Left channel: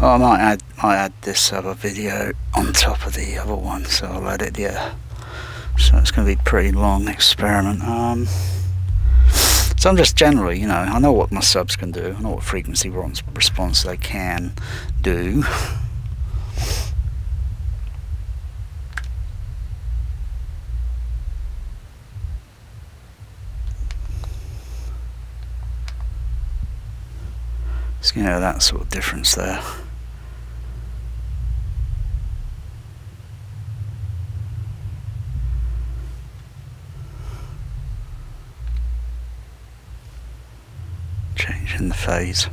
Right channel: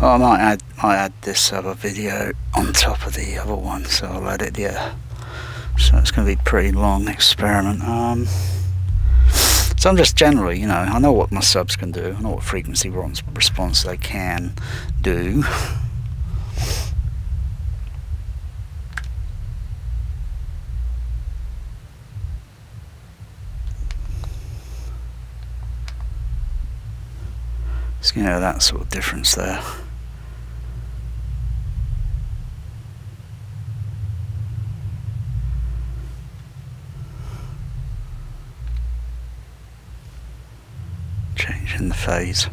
Oh, I might add this other video on top of the other one, so I'll add it, yeah. So it's going to be a pretty long experiment. So I'm just generally, I know what my subs can do. I know what frequency response they can do. So, that sort of difference there. Changing the phase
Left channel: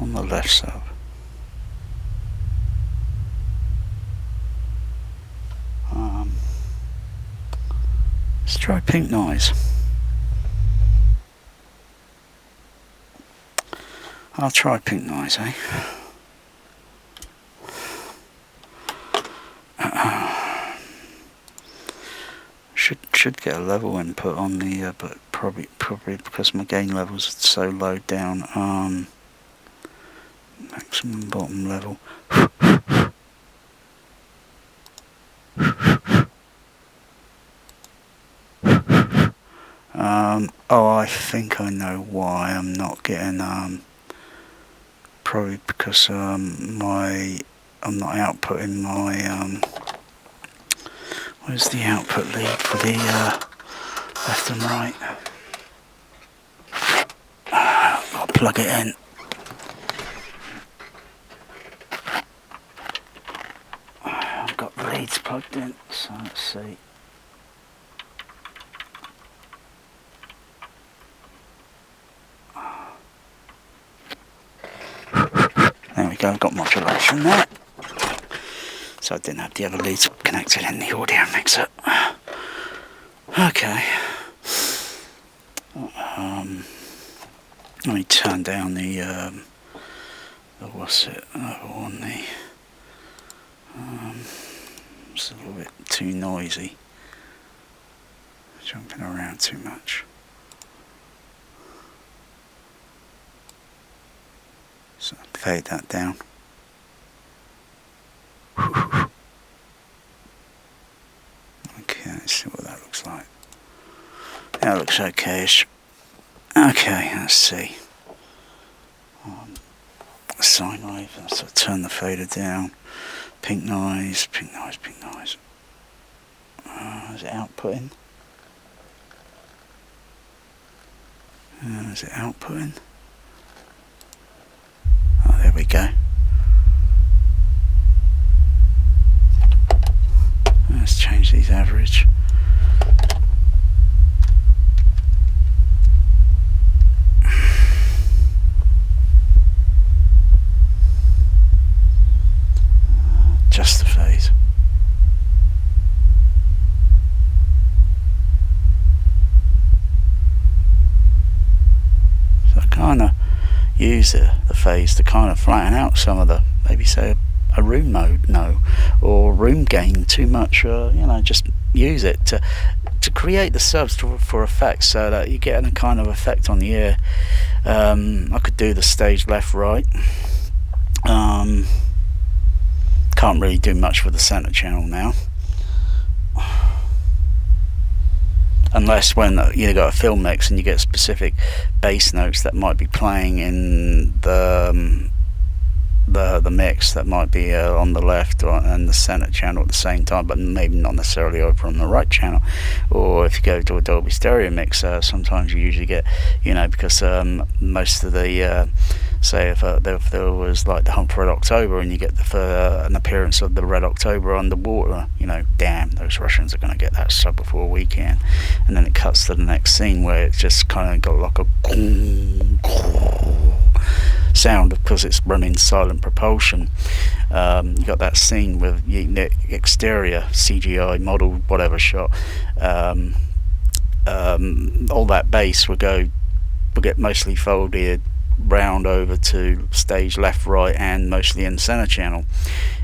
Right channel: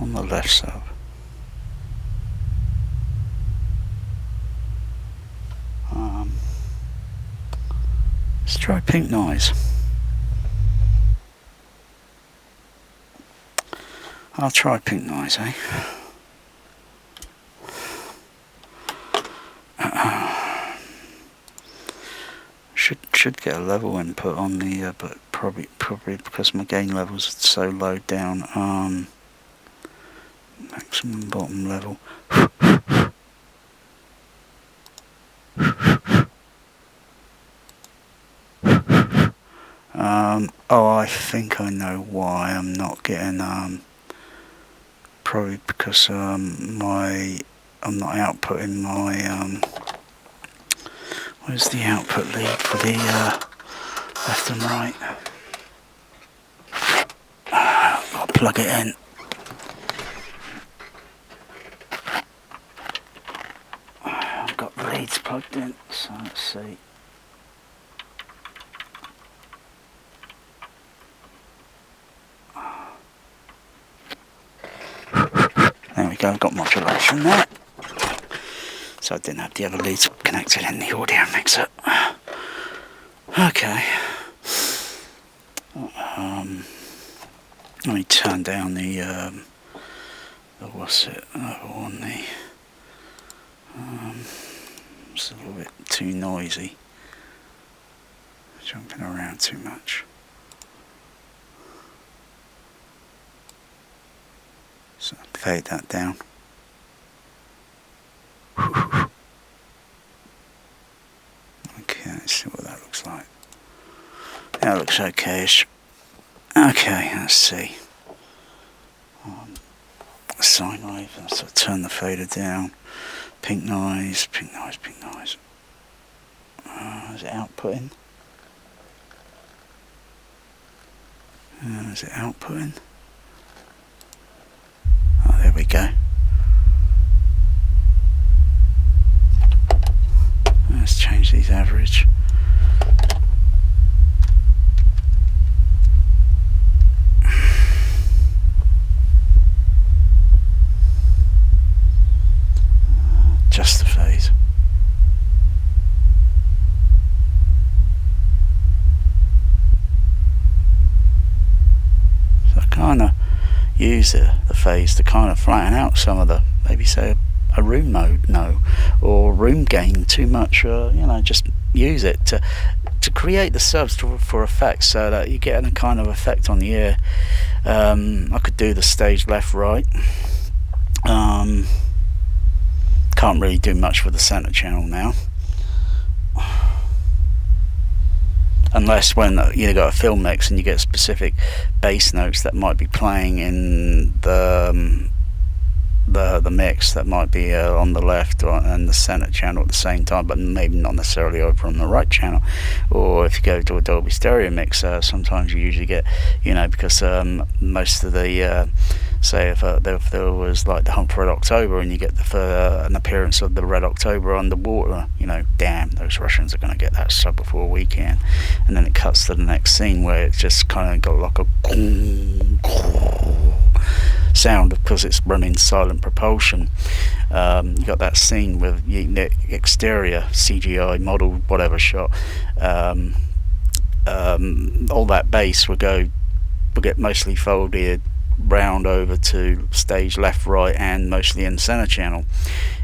on the left sub. Let's try pink noise. I'll try pink noise, eh? Should get a level input on the, but probably because my gain levels are so low down. Maximum bottom level. Oh, I think I know why I'm not getting, probably because I'm not outputting my, where's the output lead for the left and right? I'll plug it in. I've got the leads plugged in, so let's see. There we go, I've got modulation there. So I didn't have the other leads connected in the audio mixer. Okay. Let me turn down the what's it? It's a little bit too noisy. Jumping around too much. So fade that down. Okay, let's see what that looks like. That looks okay-ish. Okay, let's see. Sine wave, so turn the fader down. Pink noise, pink noise, pink noise. Is it outputting? Is it outputting? Oh, there we go. Let's change these average. Just the phase. So I kind of use the phase to kind of flatten out some of the, maybe say a room mode, or room gain too much, just use it to create the subs for effects, so that you get a kind of effect on the ear. I could do the stage left right. Can't really do much with the center channel now, unless when you got a film mix and you get specific bass notes that might be playing in the mix that might be on the left and the center channel at the same time, but maybe not necessarily over on the right channel. Or if you go to a Dolby Stereo mix, sometimes you usually get, because most of the say if there was like the Hunt for Red October and you get an appearance of the Red October underwater, damn, those Russians are going to get that sub before a weekend. And then it cuts to the next scene where it's just kind of got like a sound because it's running silent propulsion. You got that scene with the exterior CGI model whatever shot. All that bass will get mostly folded round over to stage left, right, and mostly in the center channel.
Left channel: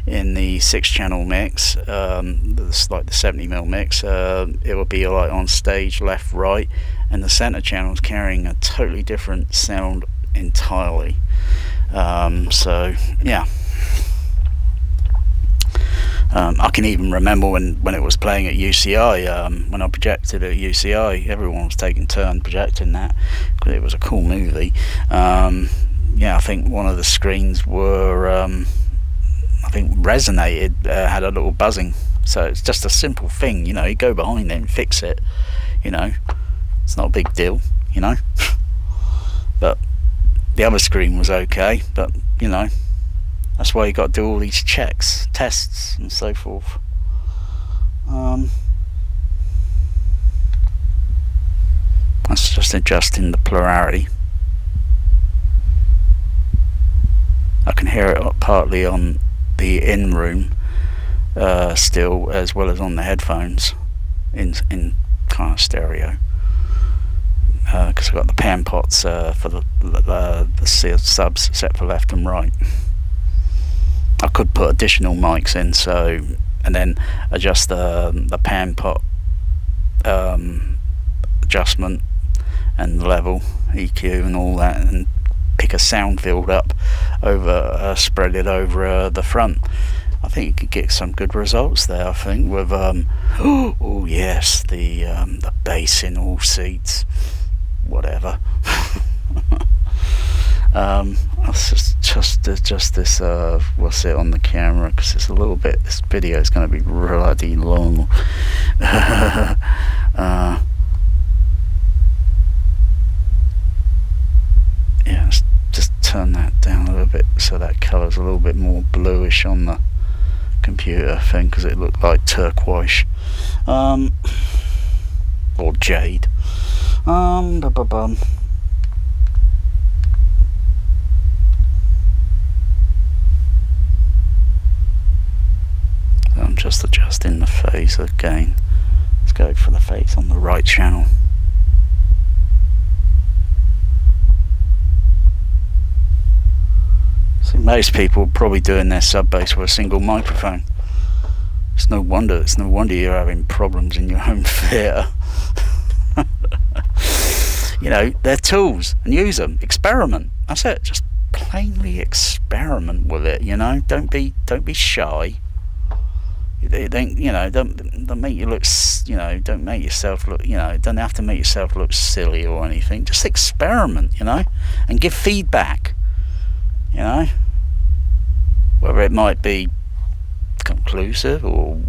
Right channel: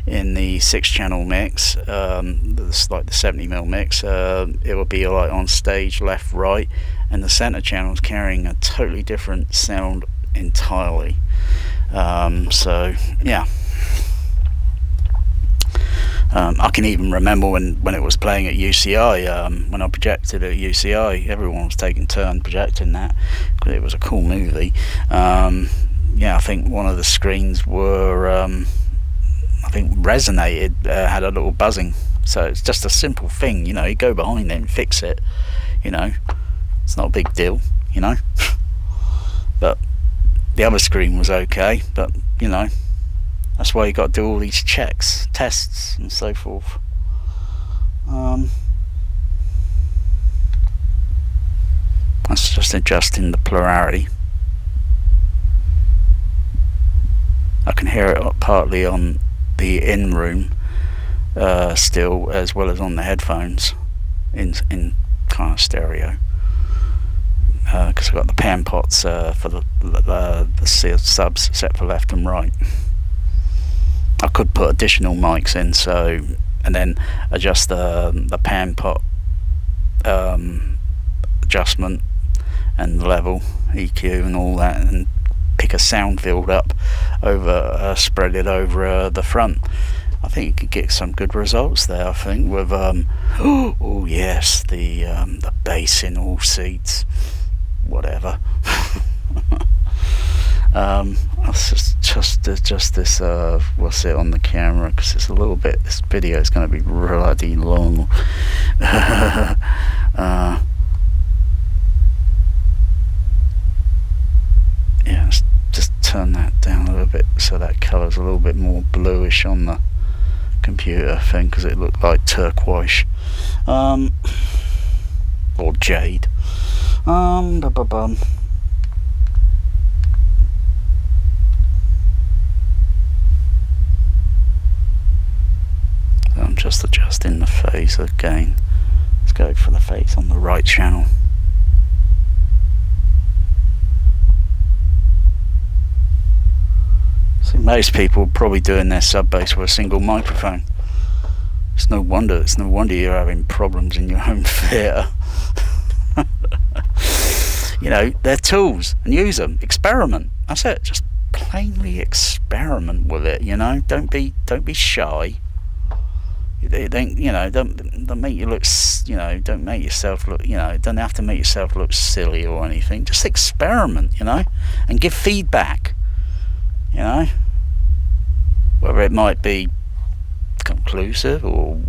In the 6-channel mix, like the 70mm mix, it will be like on stage left, right, and the center channel is carrying a totally different sound entirely. So yeah. I can even remember when it was playing at UCI, when I projected at UCI, everyone was taking turn projecting that because it was a cool movie. Yeah, I think one of the screens were, I think, resonated, had a little buzzing. So it's just a simple thing, you know. You go behind it and fix it, you know. It's not a big deal, you know. But the other screen was okay, but you know, that's why you got to do all these checks, tests, and so forth. That's just adjusting the plurality. I can hear it partly on the in-room still, as well as on the headphones in kind of stereo. Because I've got the pan pots for the subs set for left and right. I could put additional mics in, and then adjust the pan pot adjustment and level, EQ and all that, and pick a sound field up over, spread it over the front. I think you could get some good results there. I think with oh yes, the bass in all seats, whatever. Just this. We'll sit on the camera because it's a little bit. This video is going to be bloody long. Yeah, let's just turn that down a little bit so that colour's a little bit more bluish on the computer thing because it looked like turquoise, or jade. I'm just adjusting the phase again. Let's go for the phase on the right channel. See, most people are probably doing their sub bass with a single microphone. It's no wonder you're having problems in your home theatre. You know, they're tools and use them. Experiment. That's it. Just plainly experiment with it. You know, don't be shy. Don't make you look. You know, don't make yourself look. You know, don't have to make yourself look silly or anything. Just experiment. You know, and give feedback. You know, whether it might be conclusive or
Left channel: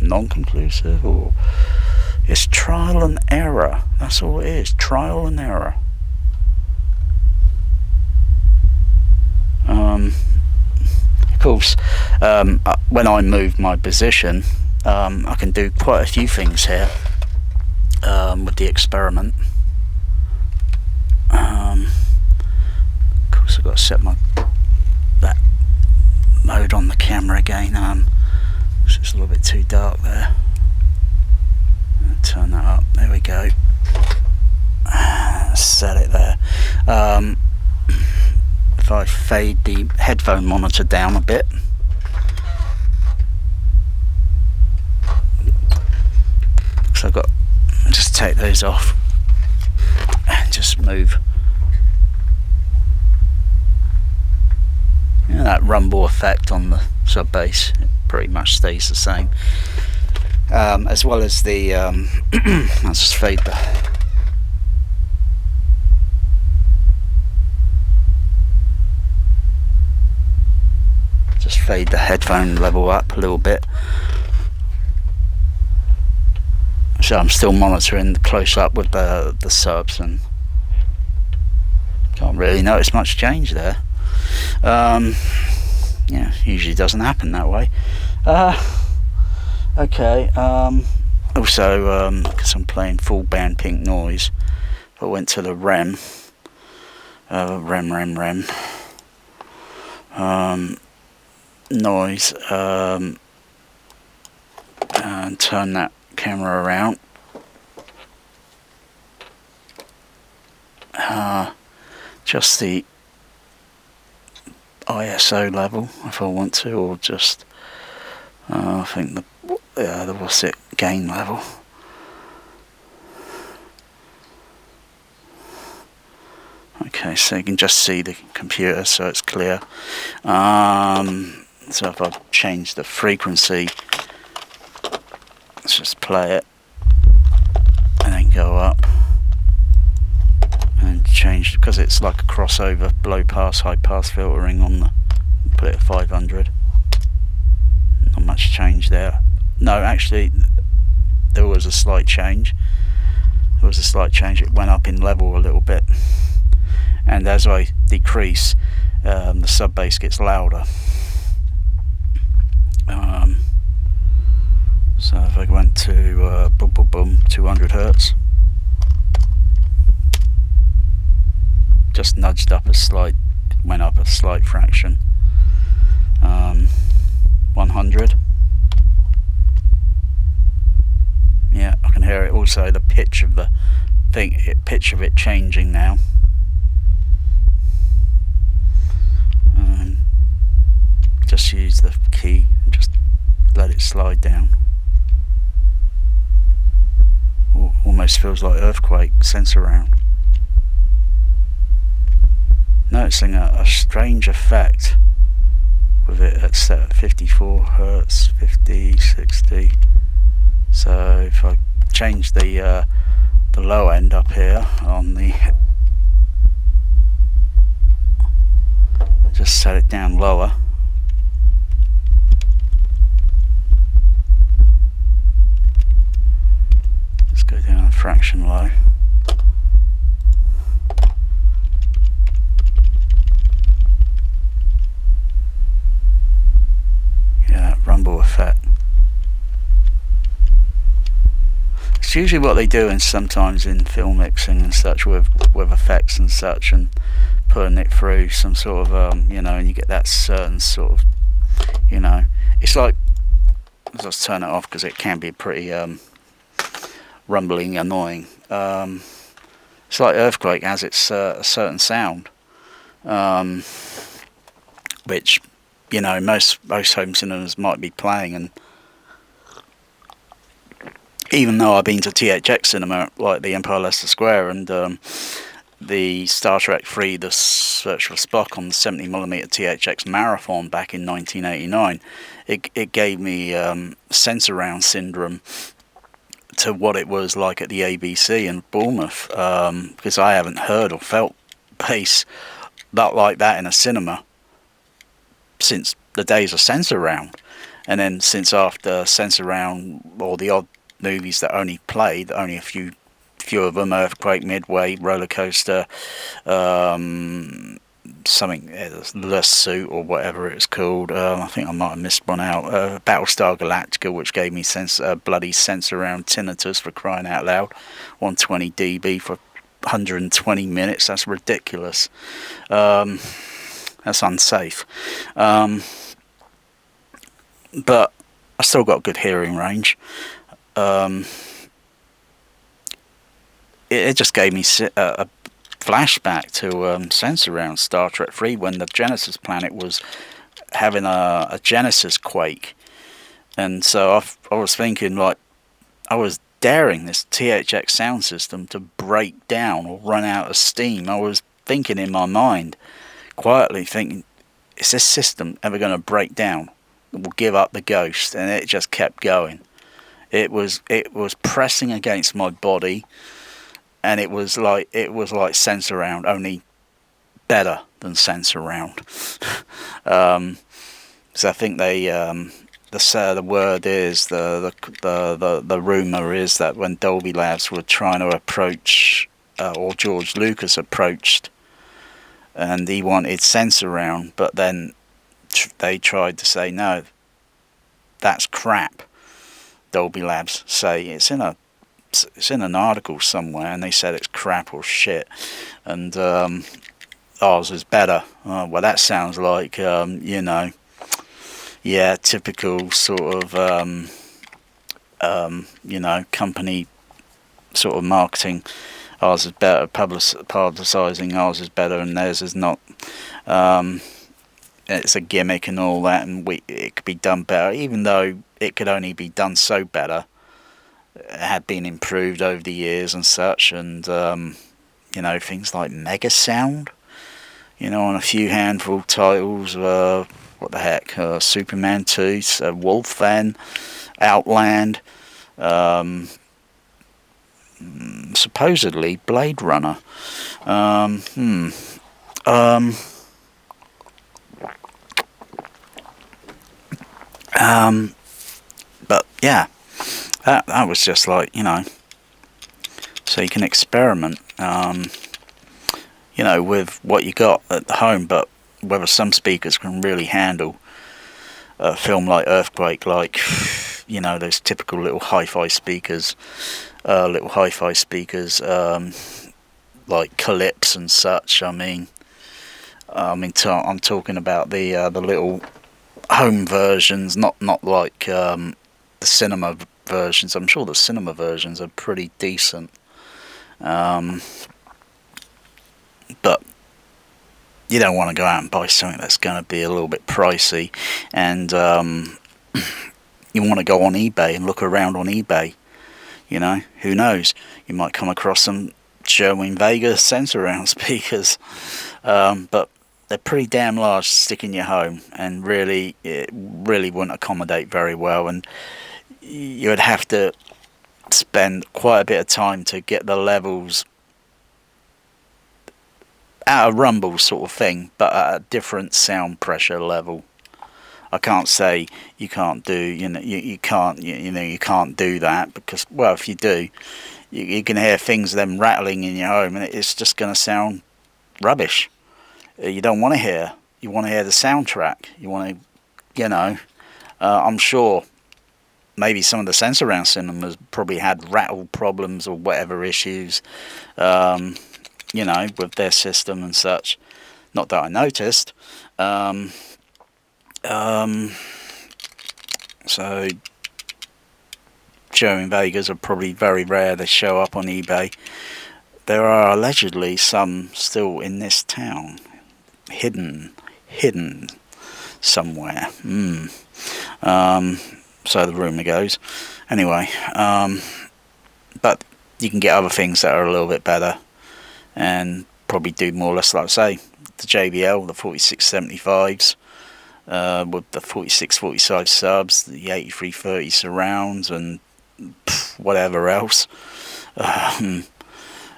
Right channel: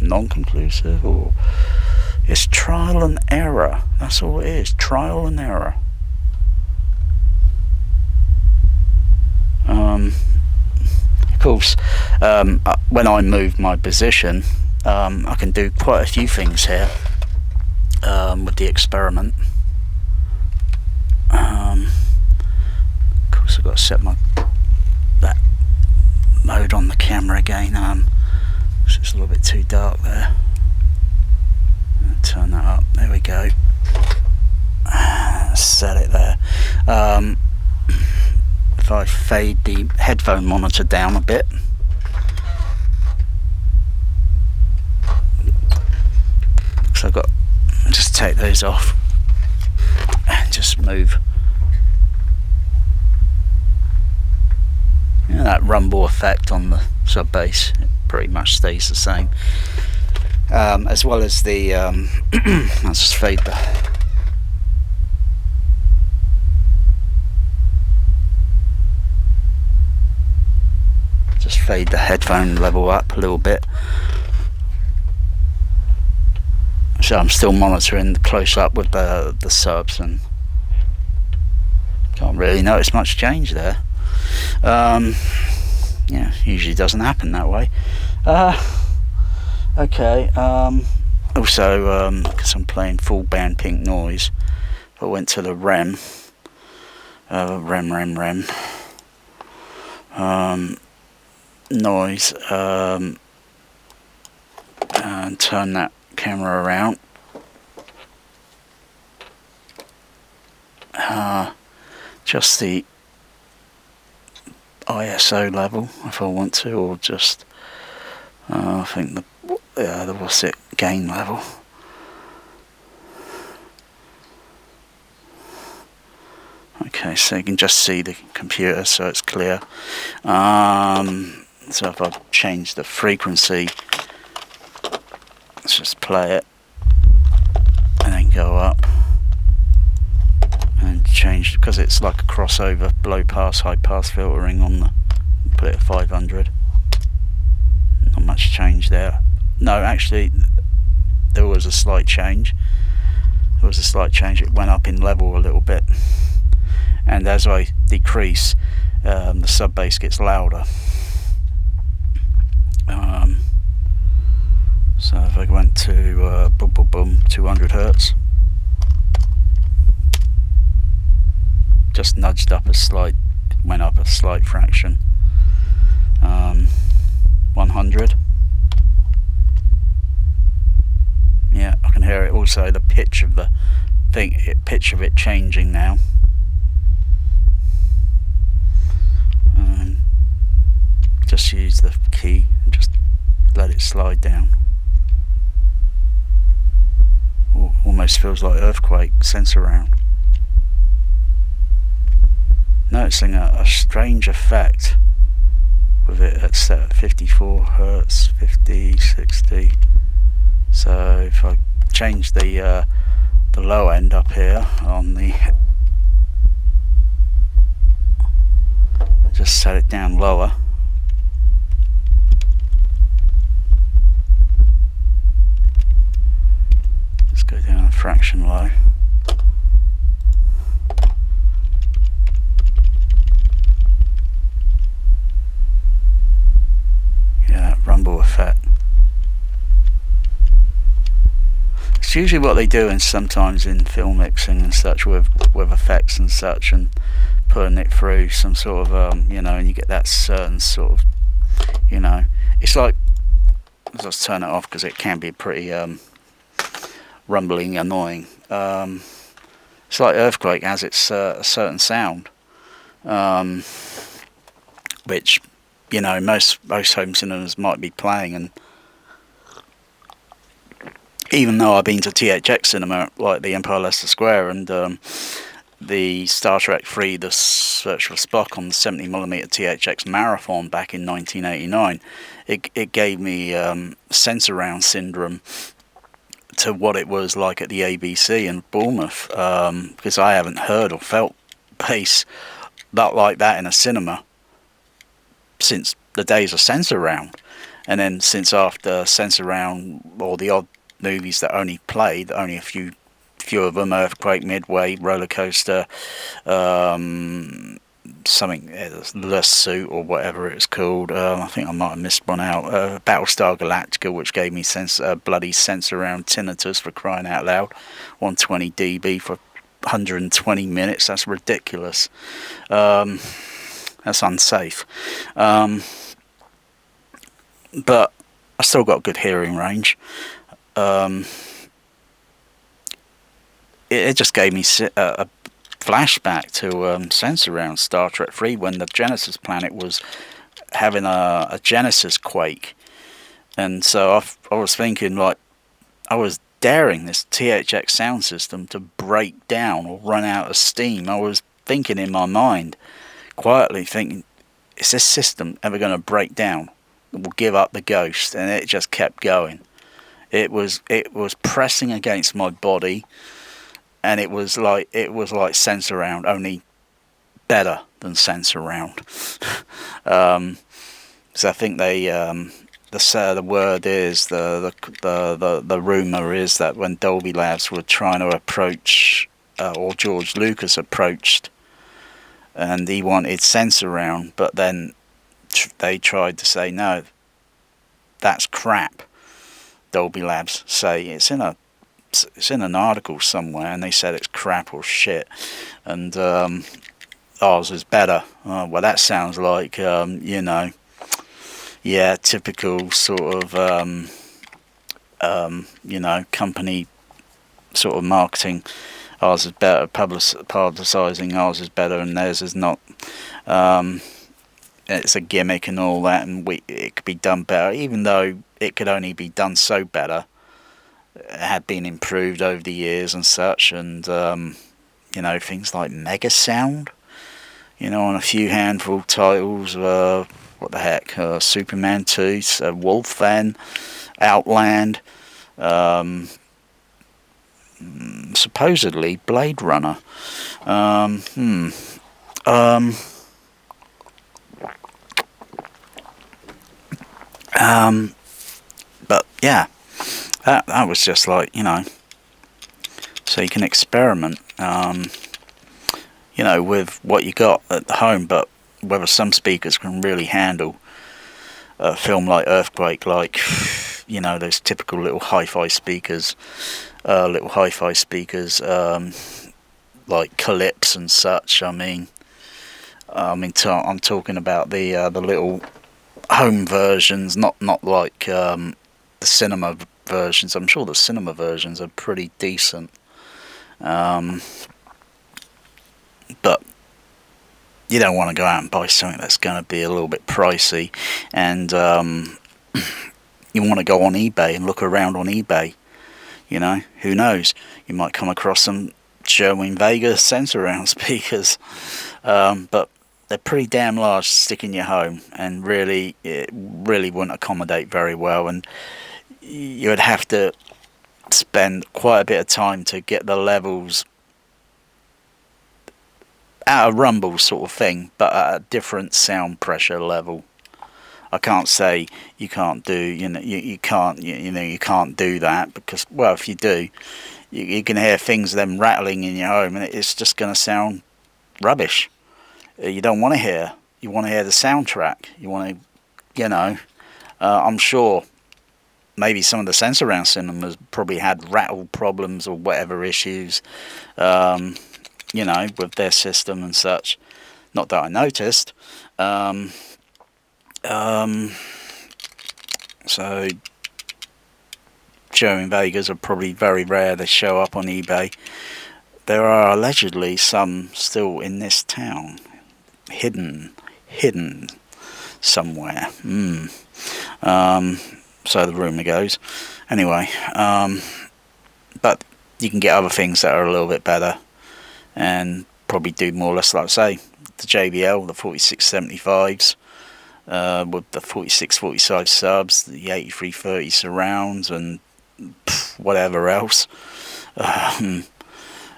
non-conclusive, or it's trial and error. That's all it is. Trial and error. Of course, when I move my position, I can do quite a few things here with the experiment. Of course, I've got to set that mode on the camera again. It's just a little bit too dark there. Turn that up. There we go. Set it there. If I fade the headphone monitor down a bit, so I've got just take those off and just move. You know, that rumble effect on the sub bass, it pretty much stays the same. As well as the I'll just fade the headphone level up a little bit. So I'm still monitoring the close up with the subs and can't really notice much change there. Yeah, usually doesn't happen that way. Okay, also, because I'm playing full band pink noise, I went to the REM, noise, and turn that camera around. Just the ISO level if I want to, or just I think the what's it, gain level. Okay. Okay, so you can just see the computer, so it's clear. So if I change the frequency, let's just play it and then go up and change, because it's like a crossover low pass high pass filtering on the, put it at 500. Not much change there. No, actually there was a slight change. It went up in level a little bit, and as I decrease, the sub bass gets louder. So if I went to boom boom boom 200 Hertz, just nudged up a slight, went up a slight fraction. 100. Yeah, I can hear it. Also, the pitch of the thing, pitch of it changing now. Just use the key and just let it slide down. Ooh, almost feels like earthquake Sensurround. Noticing a strange effect with it at set at 54 Hertz, 50, 60. So if I change the low end up here on the, just set it down lower. Just go down a fraction low. Yeah, that rumble effect. It's usually what they do, and sometimes in film mixing and such, with effects and such, and putting it through some sort of you know, and you get that certain sort of, you know, it's like, let's just turn it off because it can be pretty rumbling, annoying. It's like earthquake has its a certain sound, which, you know, most home cinemas might be playing, and even though I've been to THX cinema, like the Empire Leicester Square and the Star Trek 3, The Search for Spock on the 70mm THX Marathon back in 1989, it gave me Sensurround syndrome to what it was like at the ABC in Bournemouth, because I haven't heard or felt bass like that in a cinema since the days of Sensurround. And then since after Sensurround, or the odd movies that only played, only a few of them, Earthquake, Midway, Roller Coaster, something, The Suit or whatever it's called, I think I might have missed one out, Battlestar Galactica, which gave me bloody Sensurround tinnitus, for crying out loud, 120 dB for 120 minutes, that's ridiculous, that's unsafe, but I still got good hearing range. It just gave me a flashback to Sensurround Star Trek 3, when the Genesis planet was having a Genesis quake, and so I was thinking, like, I was daring this THX sound system to break down or run out of steam. I was thinking in my mind, quietly thinking, is this system ever going to break down? It will give up the ghost, and it just kept going. It was pressing against my body, and it was like Sensurround, only better than Sensurround. So I think they the word is, the rumor is that when Dolby Labs were trying to approach, or George Lucas approached, and he wanted Sensurround, but then they tried to say, no, that's crap. Dolby Labs say it's in an article somewhere, and they said it's crap or shit, and ours is better. Well, that sounds like you know, yeah, typical sort of you know, company sort of marketing. Ours is better, publicising ours is better and theirs is not. It's a gimmick and all that, and it could be done better, even though it could only be done so better. It had been improved over the years and such, and things like Mega Sound, on a few handful titles. What the heck? Superman 2, Wolfen, Outland, um, supposedly Blade Runner. Um, hmm. Um, but yeah, that was just like, so you can experiment, with what you got at home, but whether some speakers can really handle a film like Earthquake, like, those typical little hi-fi speakers, like Calypse and such. I'm talking about the little home versions, not like the cinema versions. I'm sure the cinema versions are pretty decent, but you don't want to go out and buy something that's going to be a little bit pricey, and you want to go on eBay and look around on eBay. Who knows? You might come across some Sherwin Vega Sensurround speakers, but they're pretty damn large to stick in your home, and it really wouldn't accommodate very well, and you would have to spend quite a bit of time to get the levels at a rumble sort of thing, but at a different sound pressure level. I can't say you can't do, you can't do that, because, well, if you do, you can hear things them rattling in your home, and it's just going to sound rubbish. You don't want to hear. You want to hear the soundtrack. You want to, I'm sure maybe some of the Sensurround cinemas probably had rattle problems or whatever issues, with their system and such. Not that I noticed. So Sherwin Vegas are probably very rare. They show up on eBay. There are allegedly some still in this town, hidden somewhere. So the rumour goes. Anyway, but you can get other things that are a little bit better and probably do more or less, like I say, the JBL, the 4675s, with the 4645 subs, the 8330 surrounds, and whatever else.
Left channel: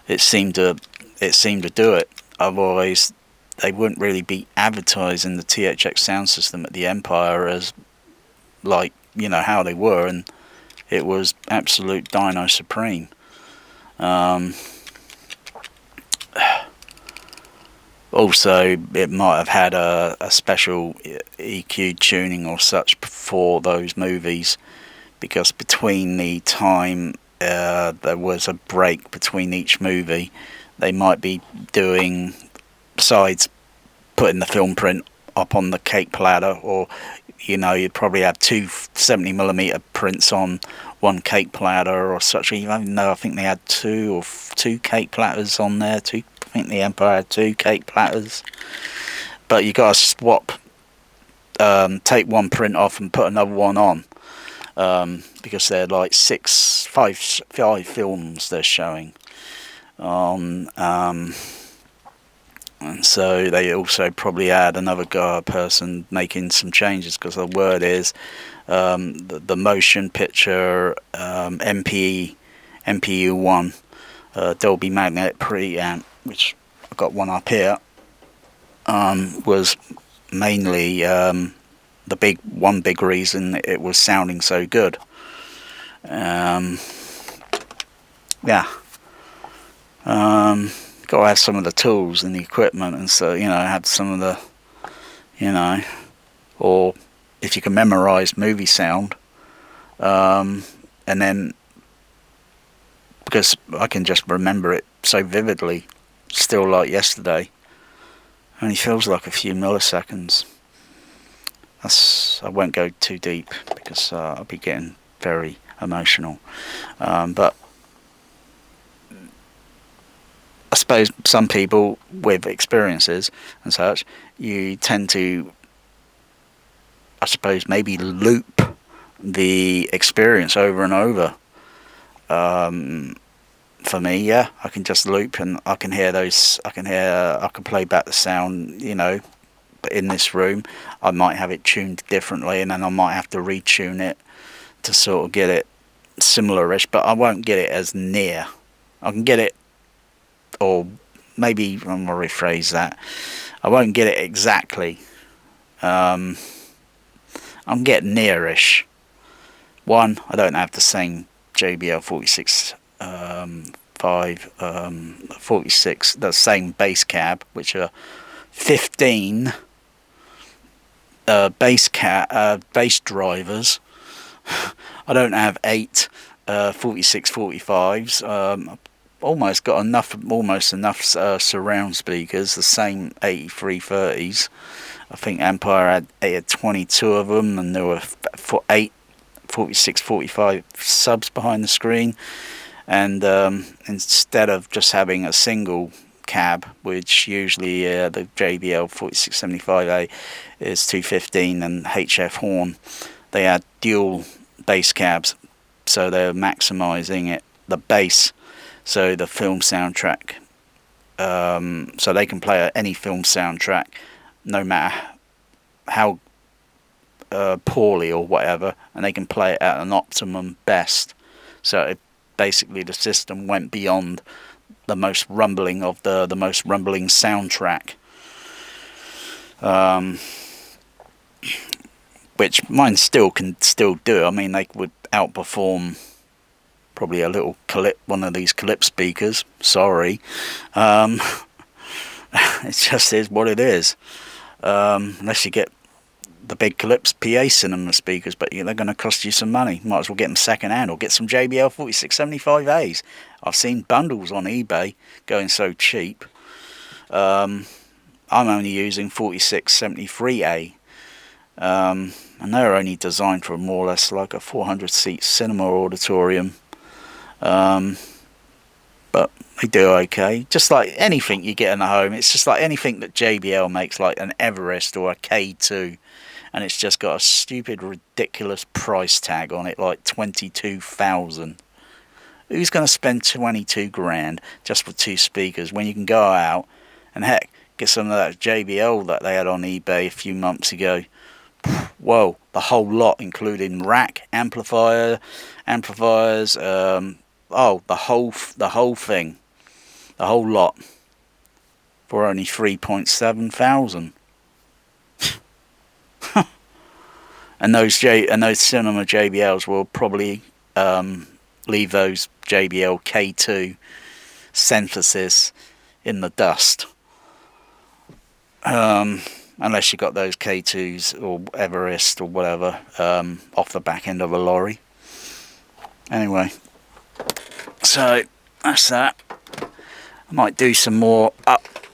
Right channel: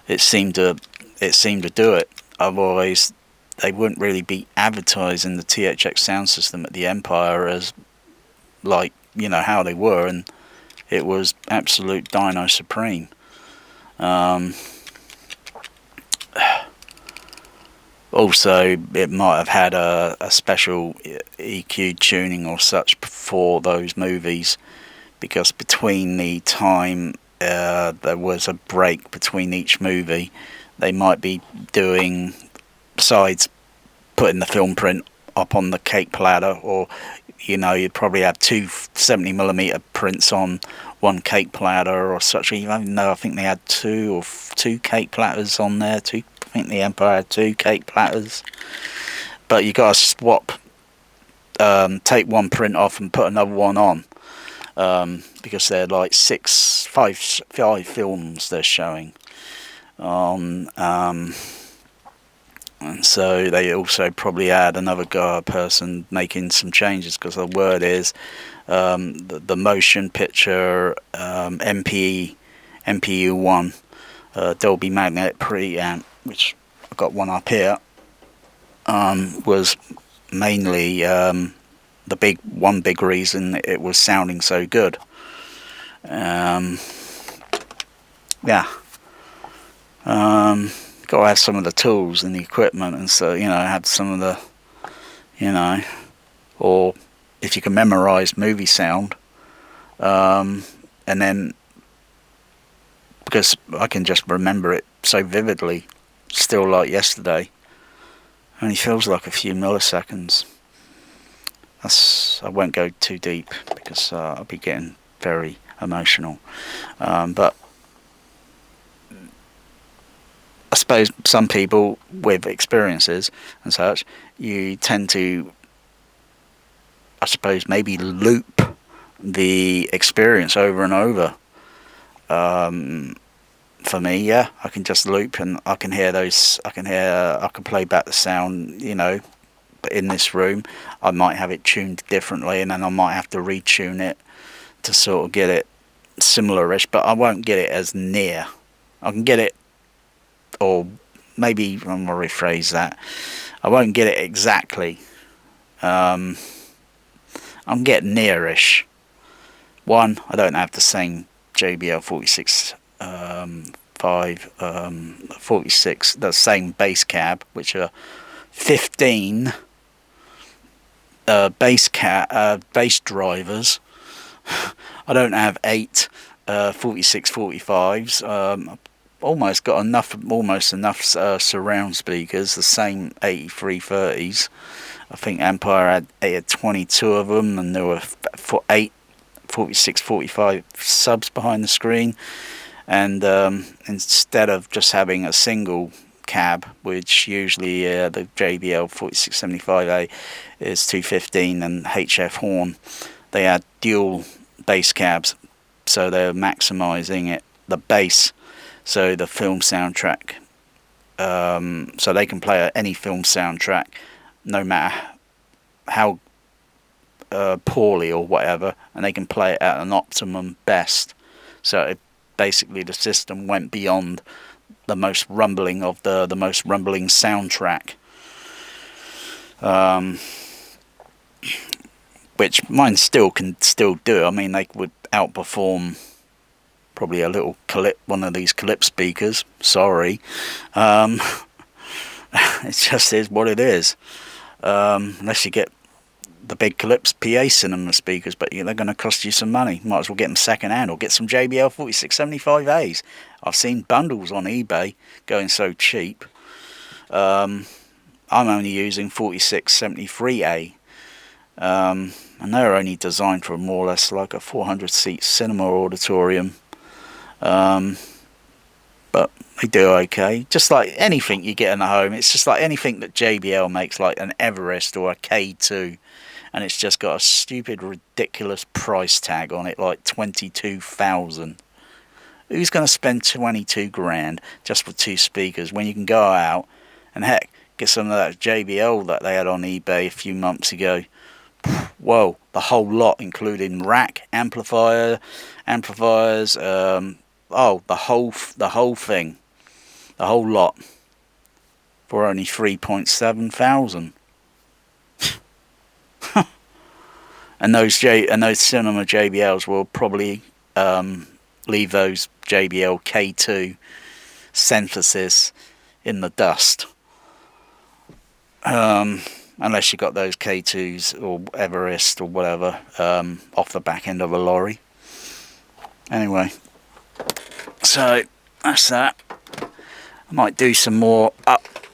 It seemed to do it. Otherwise, they wouldn't really be advertising the THX sound system at the Empire as like, how they were, and it was absolute Dino Supreme. Also, it might have had a special EQ tuning or such for those movies, because between the time there was a break between each movie, they might be doing, besides putting the film print up on the cake platter, or you'd probably have two 70mm prints on one cake platter or such. Even though I think they had two cake platters on there. I think the Empire had 2 cake platters. But you got to swap, take one print off and put another one on, because they're like five films they're showing on. And so they also probably had another person making some changes, because the word is the motion picture MPU1 Dolby Magnetic preamp, which I've got one up here, was mainly the big reason it was sounding so good. Yeah. Got to have some of the tools and the equipment, and so have some of the, or if you can memorize movie sound, and then, because I can just remember it so vividly, still like yesterday. Only feels like a few milliseconds. I won't go too deep, because I'll be getting very emotional. But I suppose some people with experiences and such, you tend to, I suppose, maybe loop the experience over and over, for me. Yeah, I can just loop and I can hear those. I can play back the sound. But in this room, I might have it tuned differently, and then I might have to retune it to sort of get it similar-ish. But I won't get it as near. I can get it, or maybe I'm gonna rephrase that. I won't get it exactly. I'm getting nearish. One, I don't have the same JBL 46 46, the same bass cab, which are 15 bass drivers. I don't have 8 46 45s. Almost got almost enough surround speakers, the same 8330s. I think Empire had 22 of them, and there were 8 46 45 subs behind the screen. And instead of just having a single cab, which usually the JBL 4675A is 215 and HF horn, they had dual bass cabs, so they're maximizing the bass, so the film soundtrack, so they can play any film soundtrack, no matter how poorly or whatever, and they can play it at an optimum best. So basically the system went beyond the most rumbling of the most rumbling soundtrack, which mine still can do. I mean, they would outperform probably a little one of these Clip speakers. Sorry, it just is what it is. Unless you get the big Clips PA cinema speakers, but they're going to cost you some money. Might as well get them second hand, or get some JBL 4675As. I've seen bundles on eBay going so cheap. I'm only using 4673A, and they're only designed for more or less like a 400-seat cinema auditorium. But they do okay. Just like anything you get in the home, it's just like anything that JBL makes, like an Everest or a K2, and it's just got a stupid, ridiculous price tag on it, like 22,000. Who's going to spend 22 grand just for 2 speakers when you can go out and, heck, get some of that JBL that they had on eBay a few months ago? Whoa, the whole lot, including rack, amplifiers, the whole thing, the whole lot, for only 3,700. And those cinema JBLs will probably leave those JBL K2 synthesis in the dust, unless you got those K2s or Everest or whatever off the back end of a lorry. Anyway, so that's that. I might do some more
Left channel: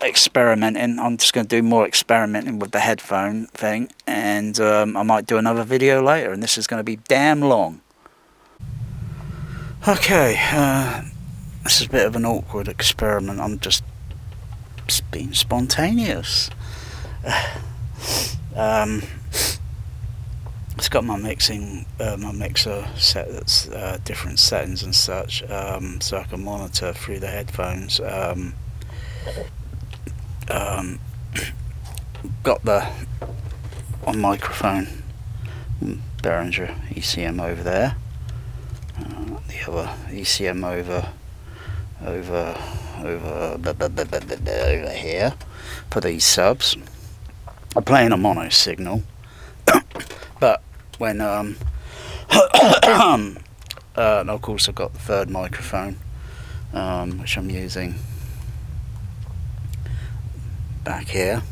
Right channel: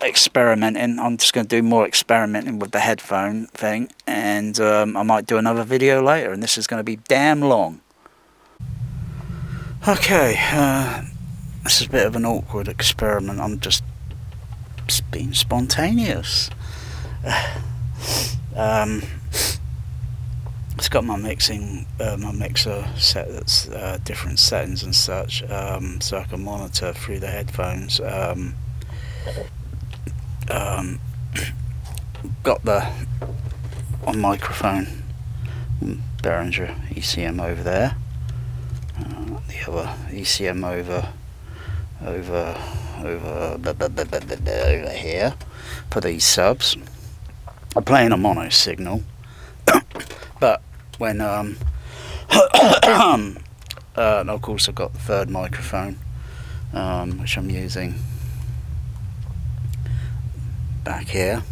experimenting. I'm just going to do more experimenting with the headphone thing, and I might do another video later, and this is going to be damn long. Okay, this is a bit of an awkward experiment. I'm just being spontaneous. It's got my mixer set that's different settings and such, so I can monitor through the headphones. Got the on microphone Behringer ECM over there, the other ECM over here for these subs. I'm playing a mono signal, but when and of course I've got the third microphone, which I'm using back here.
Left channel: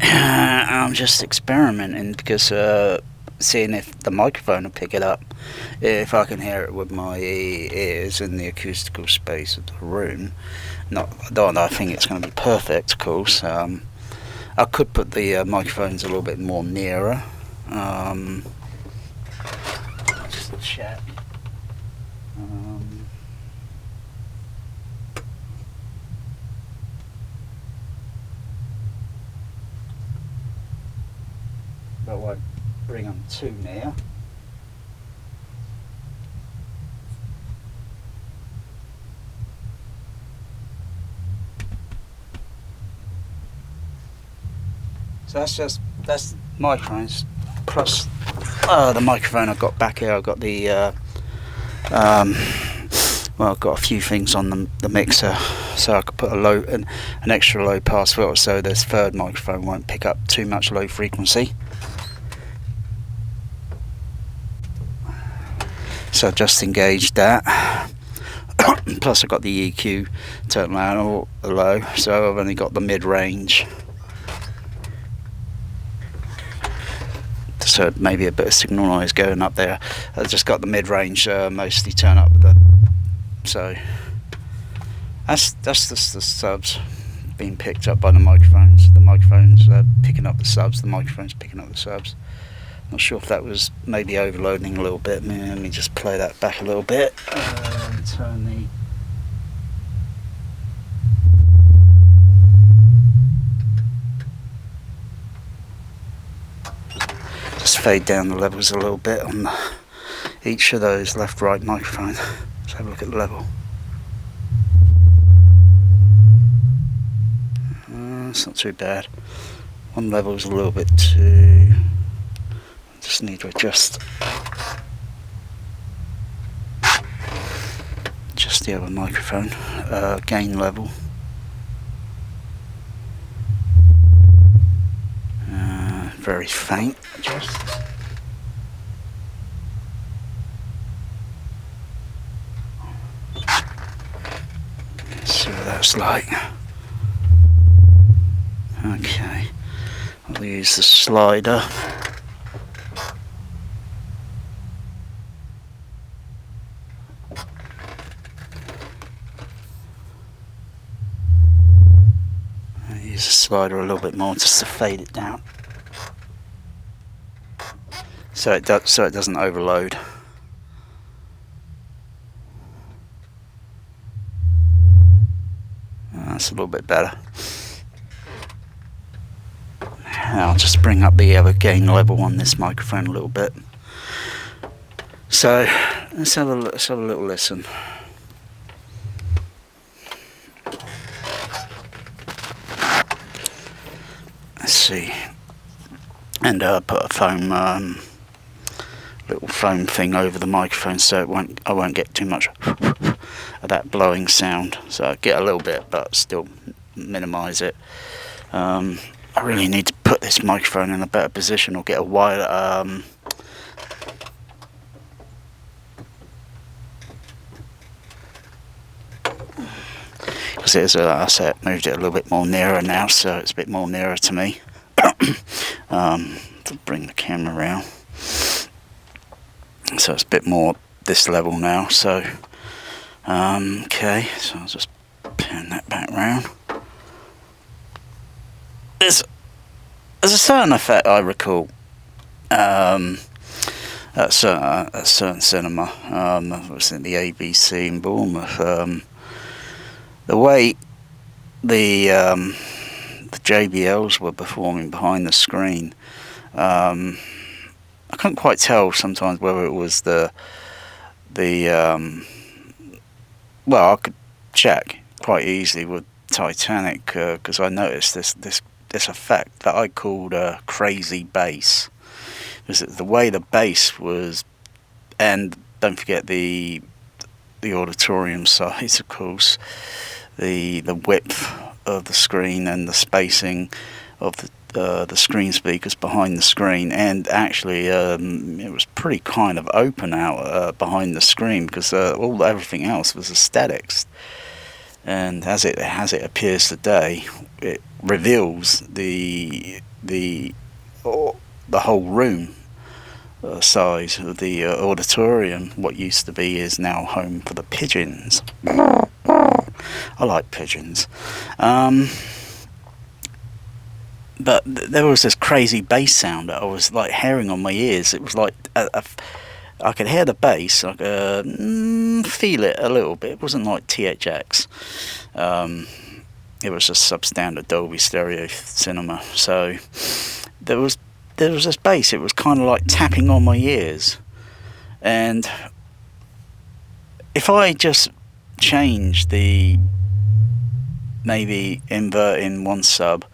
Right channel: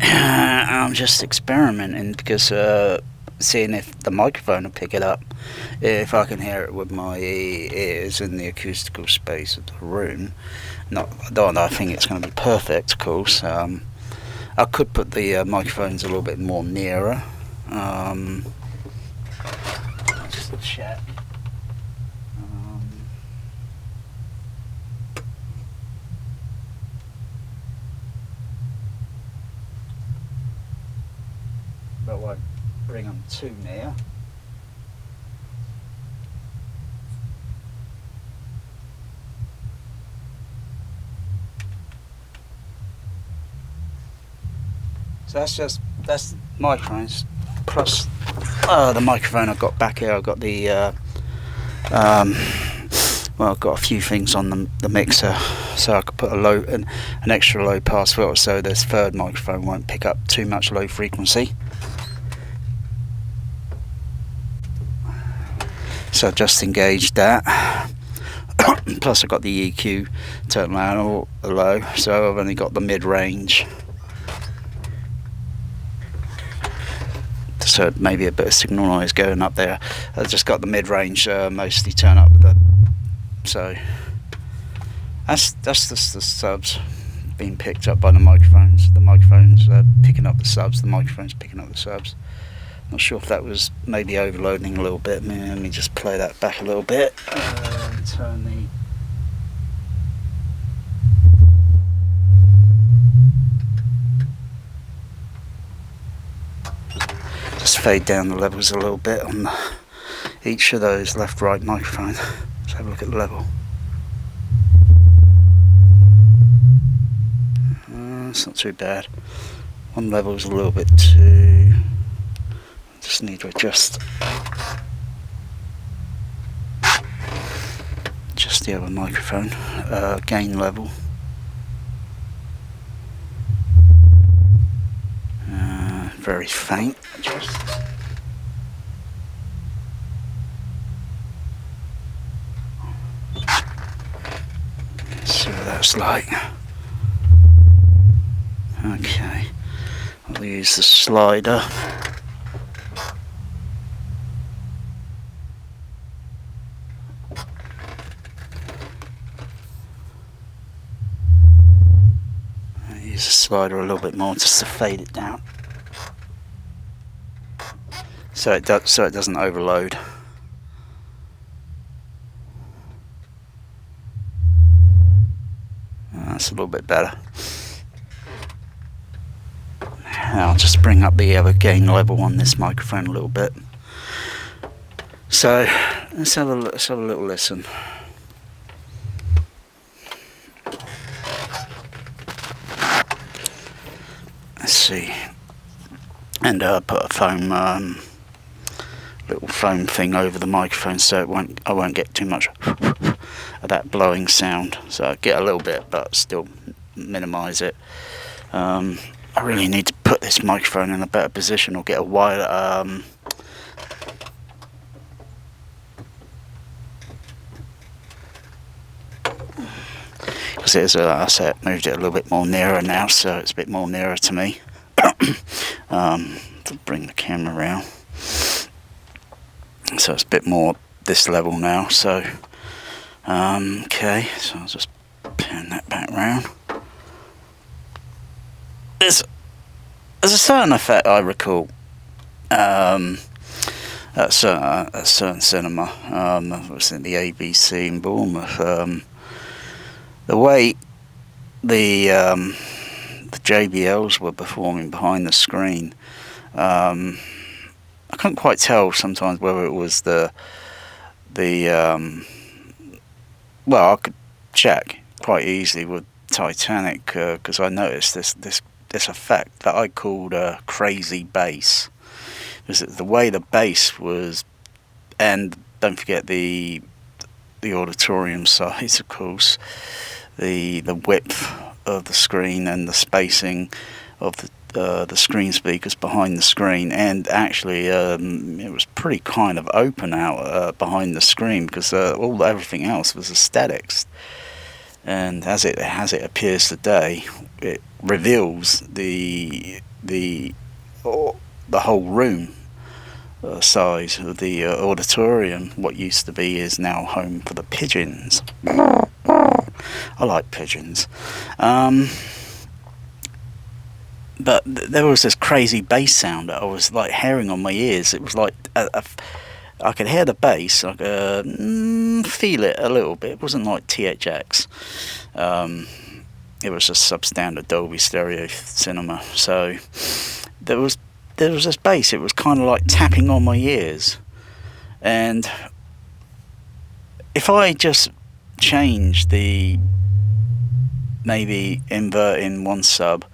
I'm just experimenting because seeing if the microphone will pick it up, if I can hear it with my ears in the acoustical space of the room. I think it's going to be perfect, of course. I could put the microphones a little bit more nearer. Just to check. But I won't bring them too near. So that's microphones plus the microphone I've got back here. I've got the well, I've got a few things on the mixer, so I could put an extra low pass filter, so this third microphone won't pick up too much low frequency. So I've just engaged that. Plus I've got the EQ turned down or low, so I've only got the mid-range. So maybe a bit of signal noise going up there. I've just got the mid-range mostly turned up. So that's just the subs being picked up by the microphones. The microphones picking up the subs. The microphones picking up the subs. Not sure if that was maybe overloading a little bit. Let me just play that back a little bit. Turn the just fade down the levels a little bit on each of those left-right microphone. Let's have a look at the level. It's not too bad. One level is a little bit too. Just need to adjust the other microphone gain level. Very faint. Let's see what that's like. Okay, I'll use the slider. I'll use the slider a little bit more just to fade it down, so it doesn't overload. That's a little bit better. I'll just bring up the other gain level on this microphone a little bit. So let's have a little listen. Let's see, and put a foam little foam thing over the microphone, so I won't get too much of that blowing sound. So I get a little bit, but still minimise it. I really need to put this microphone in a better position, or get a wider because it is I said, moved it a little bit more nearer now, so it's a bit more nearer to me. To bring the camera around, so it's a bit more this level now. So okay, so I'll just pan that back round. There's a certain effect I recall at a certain cinema. I was in the ABC in Bournemouth. The way the JBLs were performing behind the screen, I couldn't quite tell sometimes whether it was the well, I could check quite easily with Titanic, because I noticed this effect that I called crazy bass. Was it the way the bass was, and don't forget the auditorium size, of course, the width of the screen and the spacing of the screen speakers behind the screen, and actually it was pretty kind of open out behind the screen, because everything else was aesthetics. And as it appears today, it reveals the whole room size of the auditorium. What used to be is now home for the pigeons. I like pigeons. But there was this crazy bass sound that I was like hearing on my ears. It was like I could hear the bass, I could feel it a little bit. It wasn't like THX. It was just substandard Dolby Stereo cinema. So there was this bass. It was kind of like tapping on my ears. And if I just change maybe inverting one sub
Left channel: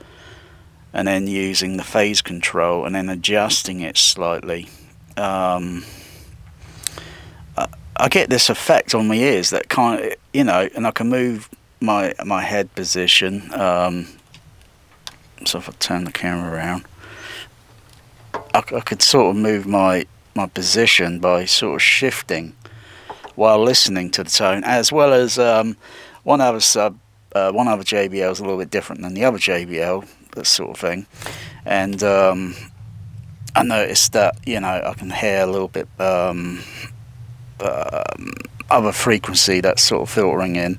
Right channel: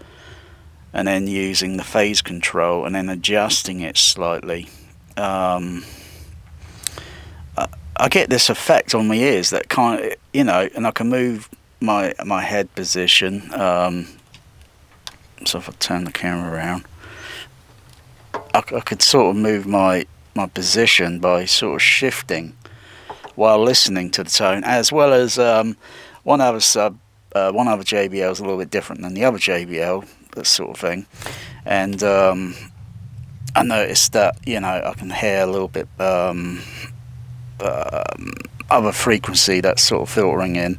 and then using the phase control and then adjusting it slightly. I get this effect on my ears that kind of, and I can move my head position. So if I turn the camera around, I could sort of move my position by sort of shifting while listening to the tone, as well as one other JBL is a little bit different than the other JBL, that sort of thing. And I noticed that I can hear a little bit other frequency that's sort of filtering in.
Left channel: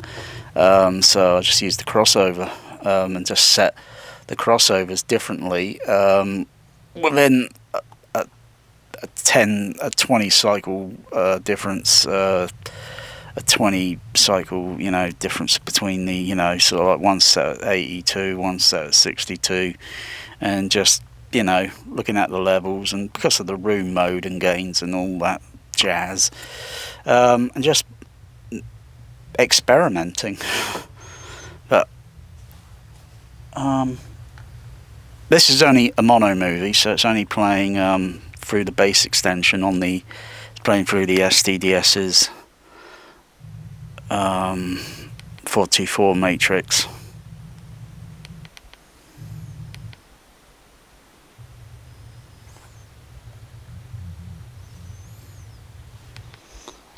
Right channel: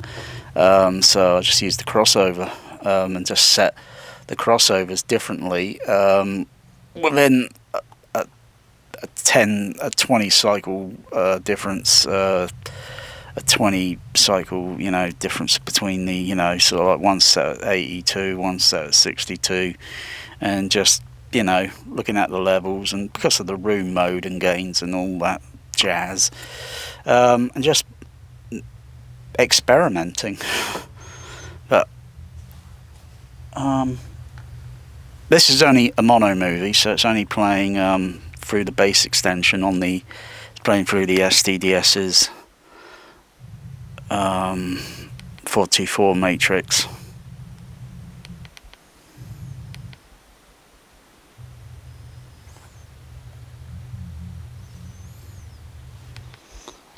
So I just used the crossover and just set the crossovers differently within a 20 cycle difference, a 20 cycle difference between the sort of like one set at 82, one set at 62, and just looking at the levels, and because of the room mode and gains and all that jazz, and just experimenting. But this is only a mono movie, so it's only playing through the bass extension it's playing through the STDS's 424 matrix.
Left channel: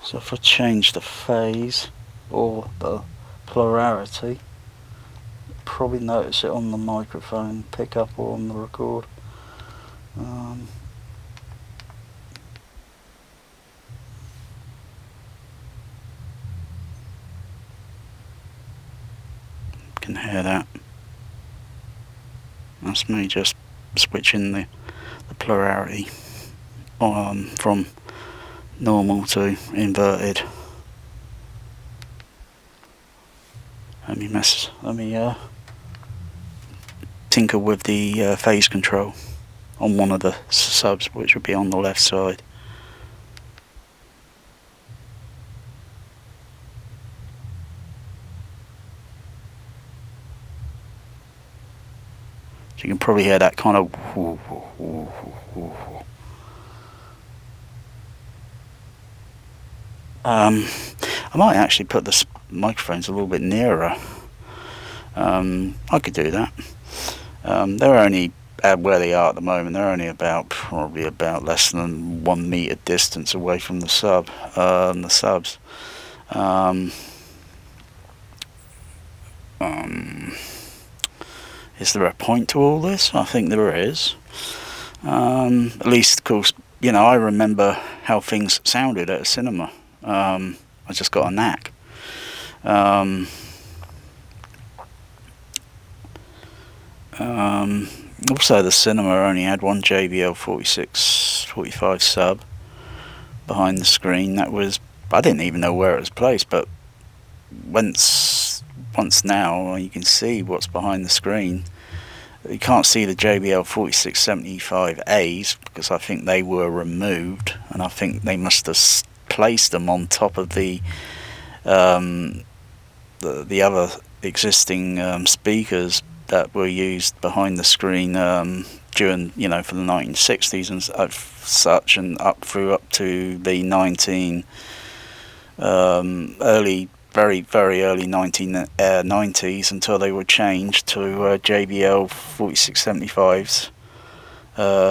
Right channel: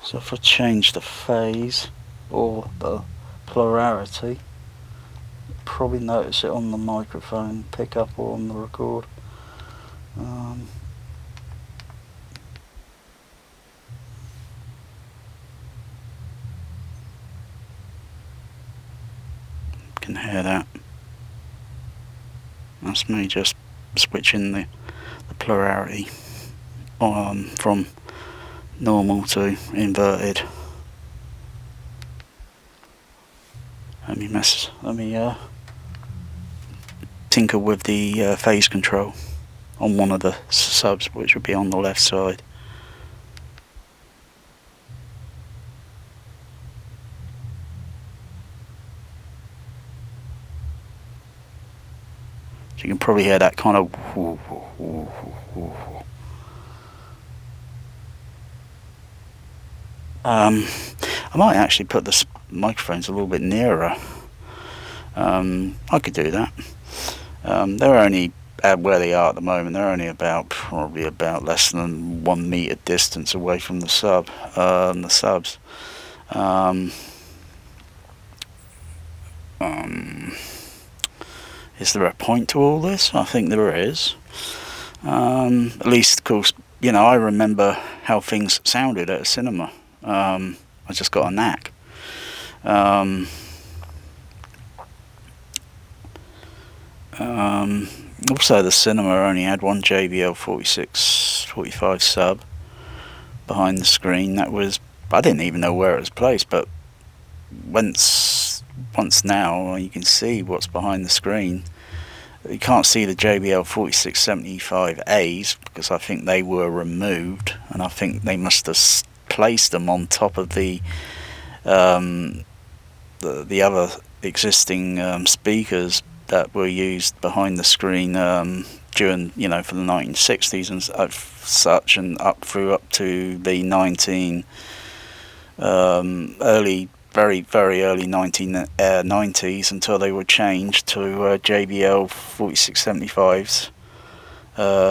So if I change the phase or the polarity, probably notice it on the microphone pickup or on the record. Can hear that. That's me just switching the polarity from normal to inverted. Let me tinker with the phase control on one of the subs, which would be on the left side. So you can probably hear that kind of I might actually put the microphones a little bit nearer. I could do that. They're only at where they are at the moment. They're only probably about less than 1 meter distance away from the subs. Is there a point to all this? I think there is. At least, of course, I remember how things sounded at a cinema. I just got a knack. Also, the cinema only had one JBL 45 sub behind the screen. I didn't even know where it was placed, but once now you can see what's behind the screen. You can't see the JBL 4675As because I think they were removed, and I think they must have placed them on top of the other existing speakers that were used behind the screen during for the 1960s and such, and up to the very, very early 1990s, until they were changed to JBL 4675s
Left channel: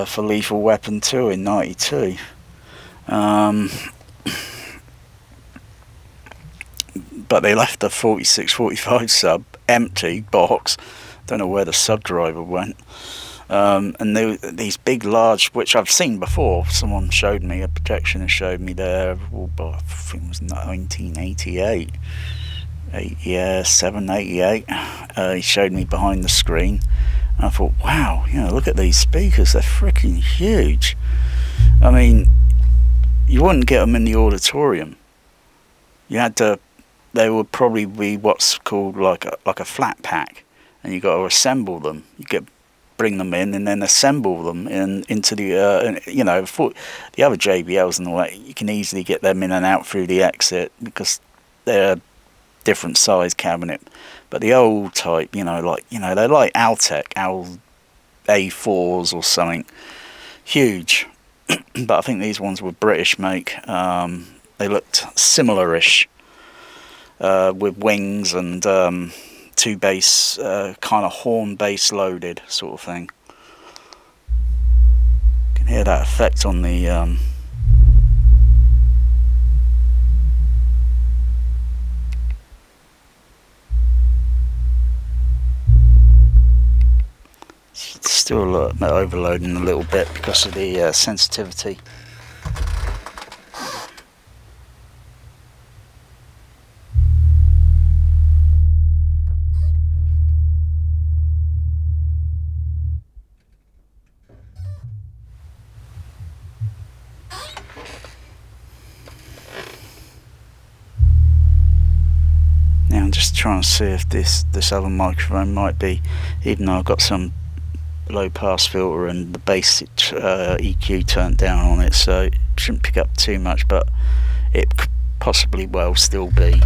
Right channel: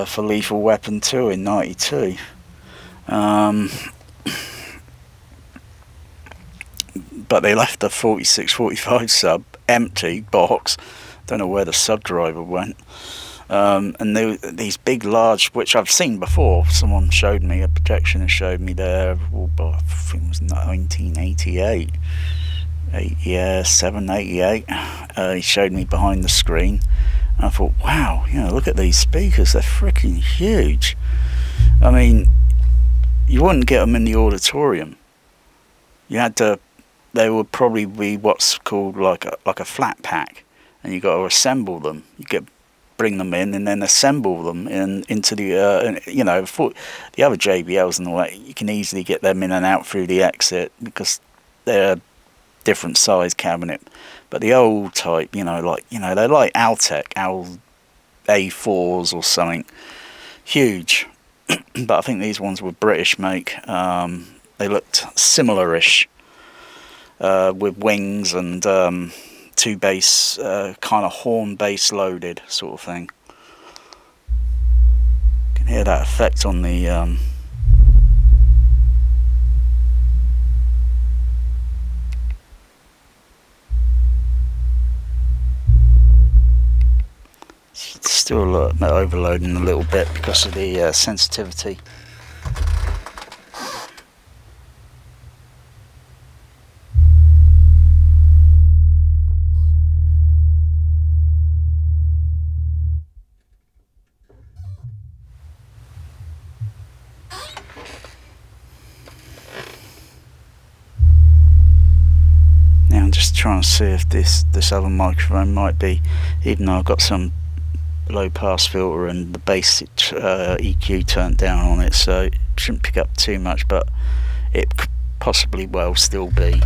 for Lethal Weapon 2 in 92. But they left the 4645 sub empty box. Don't know where the sub driver went. And these big, large, which I've seen before. Someone showed me, a projectionist showed me there, I think it was 1988. 88. He showed me behind the screen. And I thought, wow, look at these speakers. They're freaking huge. I mean, you wouldn't get them in the auditorium. They would probably be what's called like a flat pack, and you got to assemble them. Bring them in and then assemble them into the the other JBLs and all that. You can easily get them in and out through the exit because they're a different size cabinet. But the old type, they're like Altec, A4s or something. Huge. But I think these ones were British make. They looked similar-ish, with wings and two bass, kind of horn bass loaded sort of thing. You can hear that effect on the still a little bit overloading a little bit because of the sensitivity. Now I'm just trying to see if this other microphone might be, even though I've got some low pass filter and the basic EQ turned down on it, so it shouldn't pick up too much, but it could possibly well still be.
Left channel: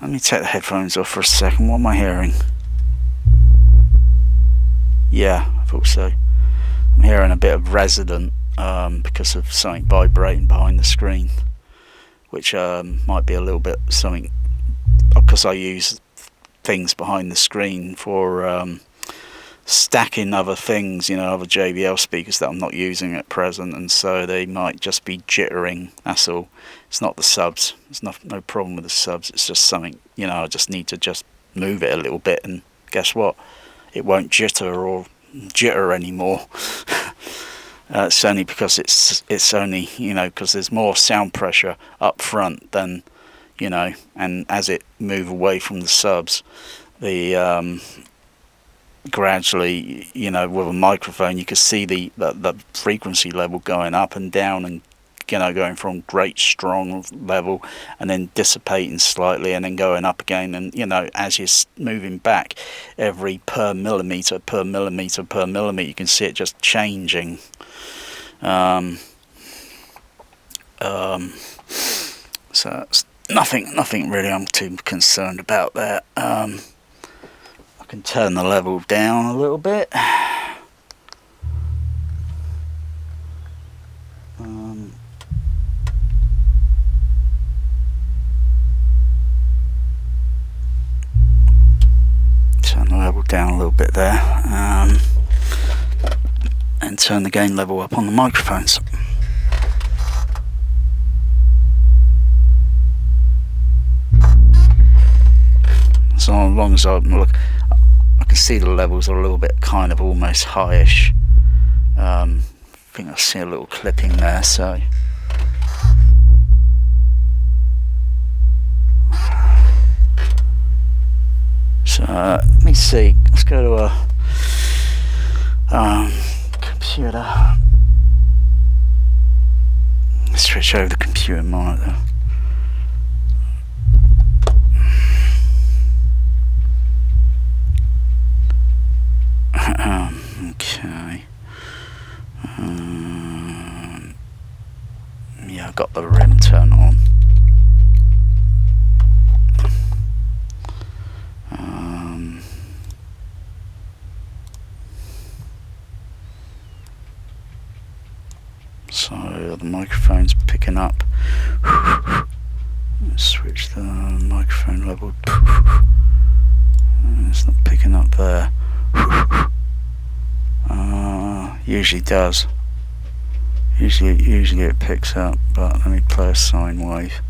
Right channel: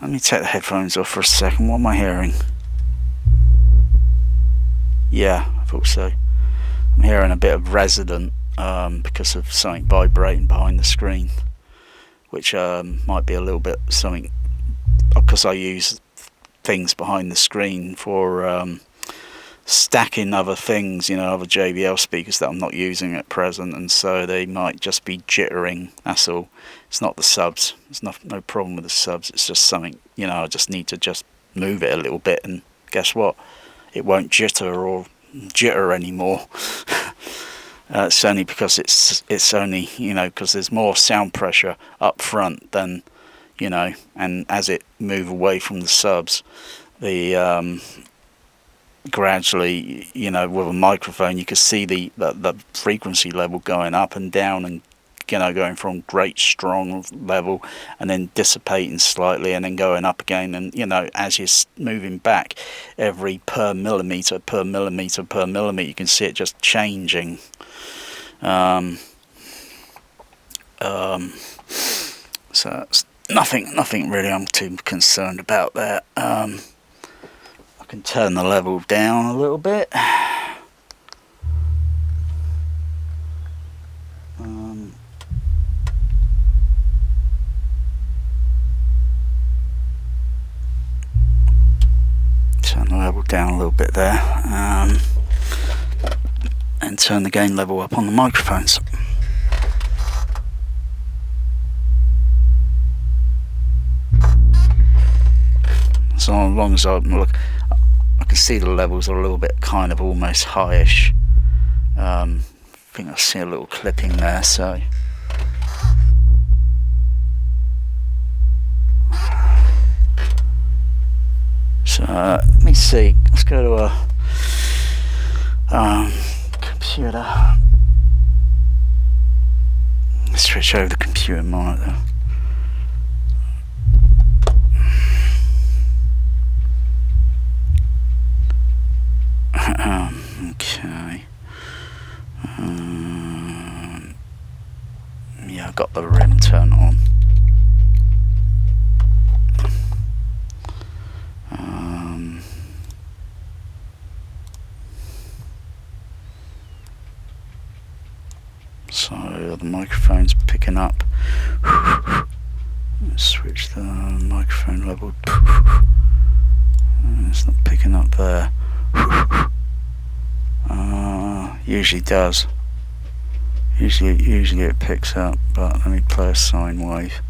Let me take the headphones off for a second. What am I hearing? Yeah, I thought so. I'm hearing a bit of resonant because of something vibrating behind the screen, which might be a little bit something, because I use things behind the screen for stacking other things, other JBL speakers that I'm not using at present, and so they might just be jittering. That's all. It's not the subs. There's no problem with the subs. It's just something, I just need to just move it a little bit, and guess what? It won't jitter anymore. It's only because it's only because there's more sound pressure up front than and as it move away from the subs, the gradually with a microphone you can see the frequency level going up and down, and going from great strong level and then dissipating slightly and then going up again, and as you're moving back, every per millimeter you can see it just changing. So it's nothing really I'm too concerned about that. I can turn the level down a little bit. Turn the level down a little bit there, and turn the gain level up on the microphones. So long as I can see the levels are a little bit kind of almost highish. I think I see a little clipping there, so let me see. Let's go to a computer. Let's switch over the computer monitor. Okay. Yeah, I've got the REM turned on. So the microphone's picking up. Let's switch the microphone level. It's not picking up there. Usually does. Usually it picks up, but let me play a sine wave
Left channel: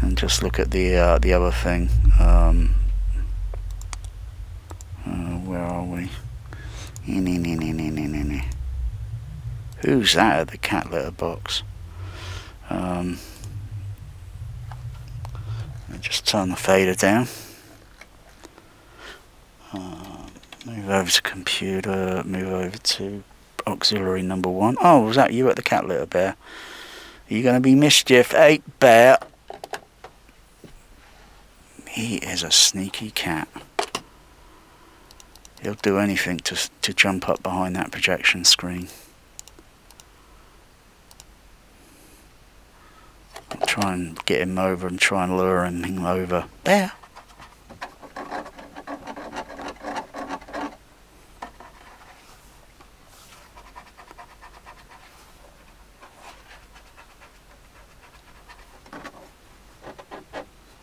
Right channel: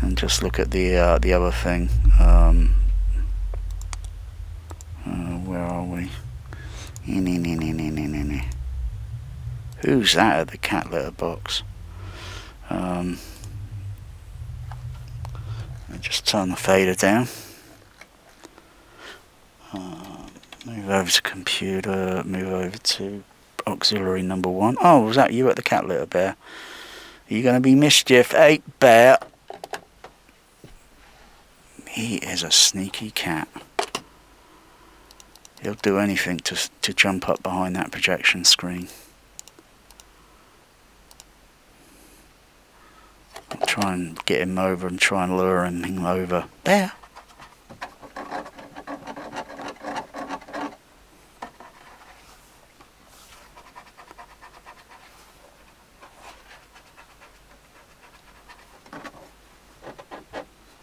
and just look at the other thing. Where are we? Who's that at the cat litter box? Just turn the fader down. Move over to computer, move over to auxiliary number 1. Oh, was that you at the cat litter, Bear? Are you going to be mischief? Hey, Bear! He is a sneaky cat. He'll do anything to jump up behind that projection screen. try and get him over and try and lure him over. There.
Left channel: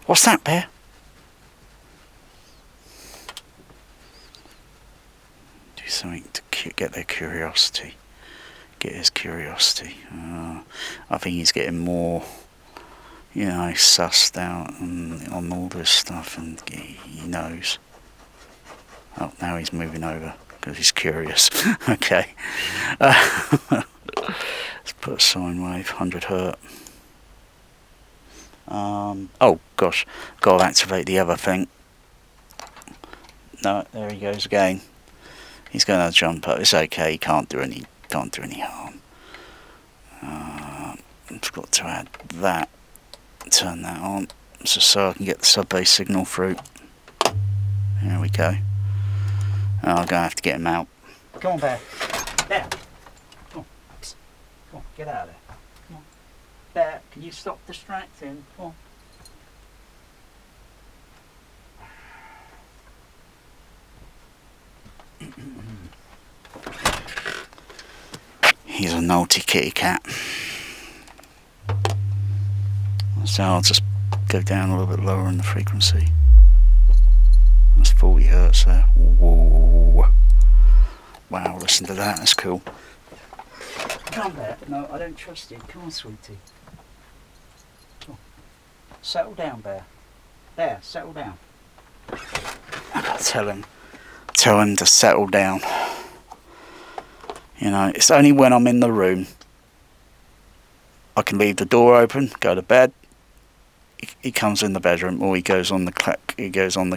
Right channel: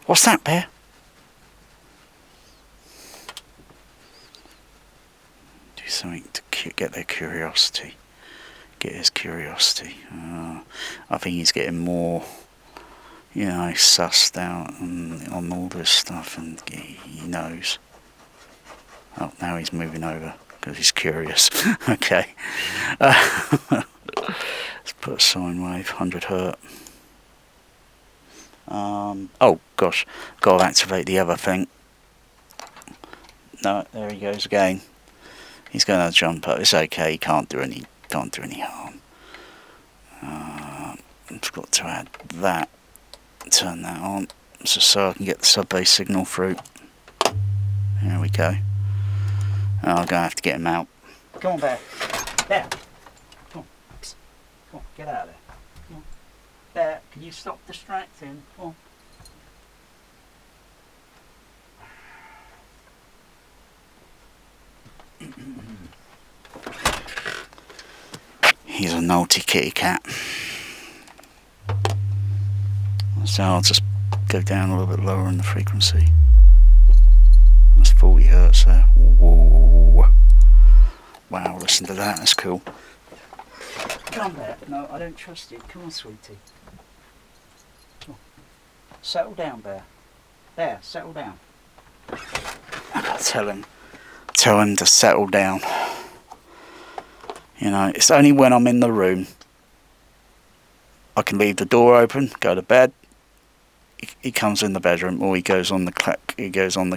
What's that, Bear? Do something to get their curiosity. Get his curiosity. I think he's getting more, sussed out on all this stuff, and he knows. Oh, now he's moving over because he's curious. Okay. Let's put a sine wave, 100 hertz. Oh gosh, got to activate the other thing. No, there he goes again. He's going to jump up. It's okay. He can't do any harm. I've got to add that. Turn that on, so I can get the sub-bass signal through. There we go. I'm going to have to get him out. Come on, Bear. Bear. Come on, get out of there. Come on. Bear, can you stop distracting? Come on. He's a naughty kitty cat. So I'll just go down a little bit lower in the frequency. That's 40 hertz there. Whoa. Wow, listen to that, that's cool. Come on, Bear. No, I don't trust you. Come on, sweetie. Come on. Settle down, Bear. Bear, settle down. Tell him to settle down. It's only when I'm in the room I can leave the door open, go to bed. He comes in the bedroom, or he goes on the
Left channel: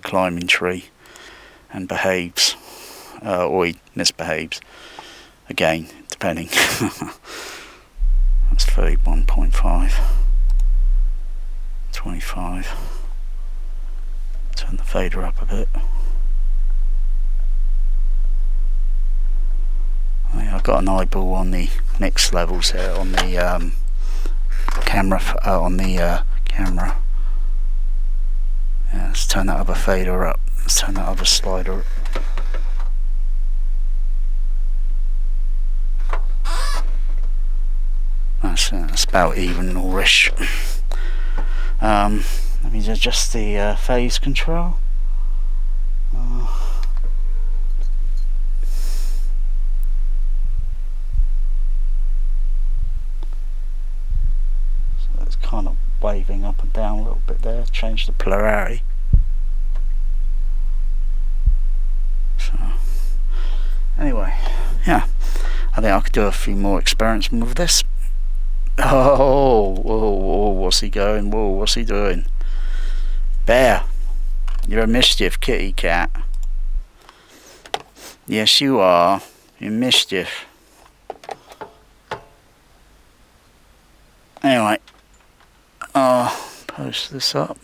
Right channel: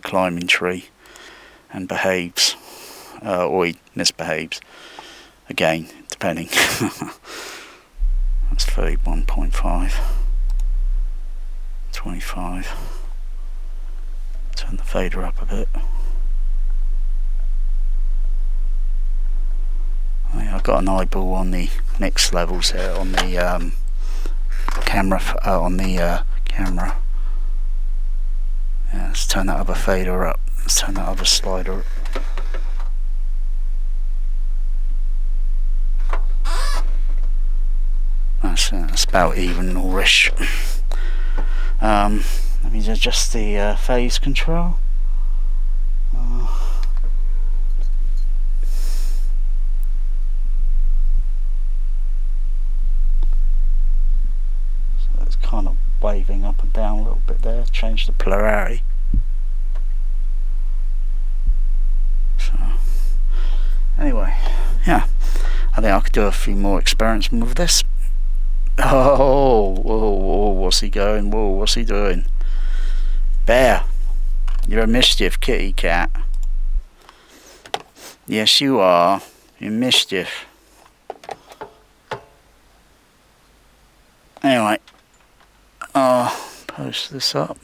climbing tree and behaves, or he misbehaves. Again, depending. That's 31.5, 25. Turn the fader up a bit. I've got an eyeball on the mix levels here on the camera. Camera. Yeah, let's turn that other fader up. Let's turn that other slider up. That's about even-ish. Let me adjust the phase control. So it's kind of waving up and down a little bit there. Change the polarity. So anyway, yeah, I think I could do a few more experiments with this. Oh, what's he going? Whoa, what's he doing? Bear, you're a mischief kitty cat. Yes, you are. You're mischief. Anyway, I'll post this up.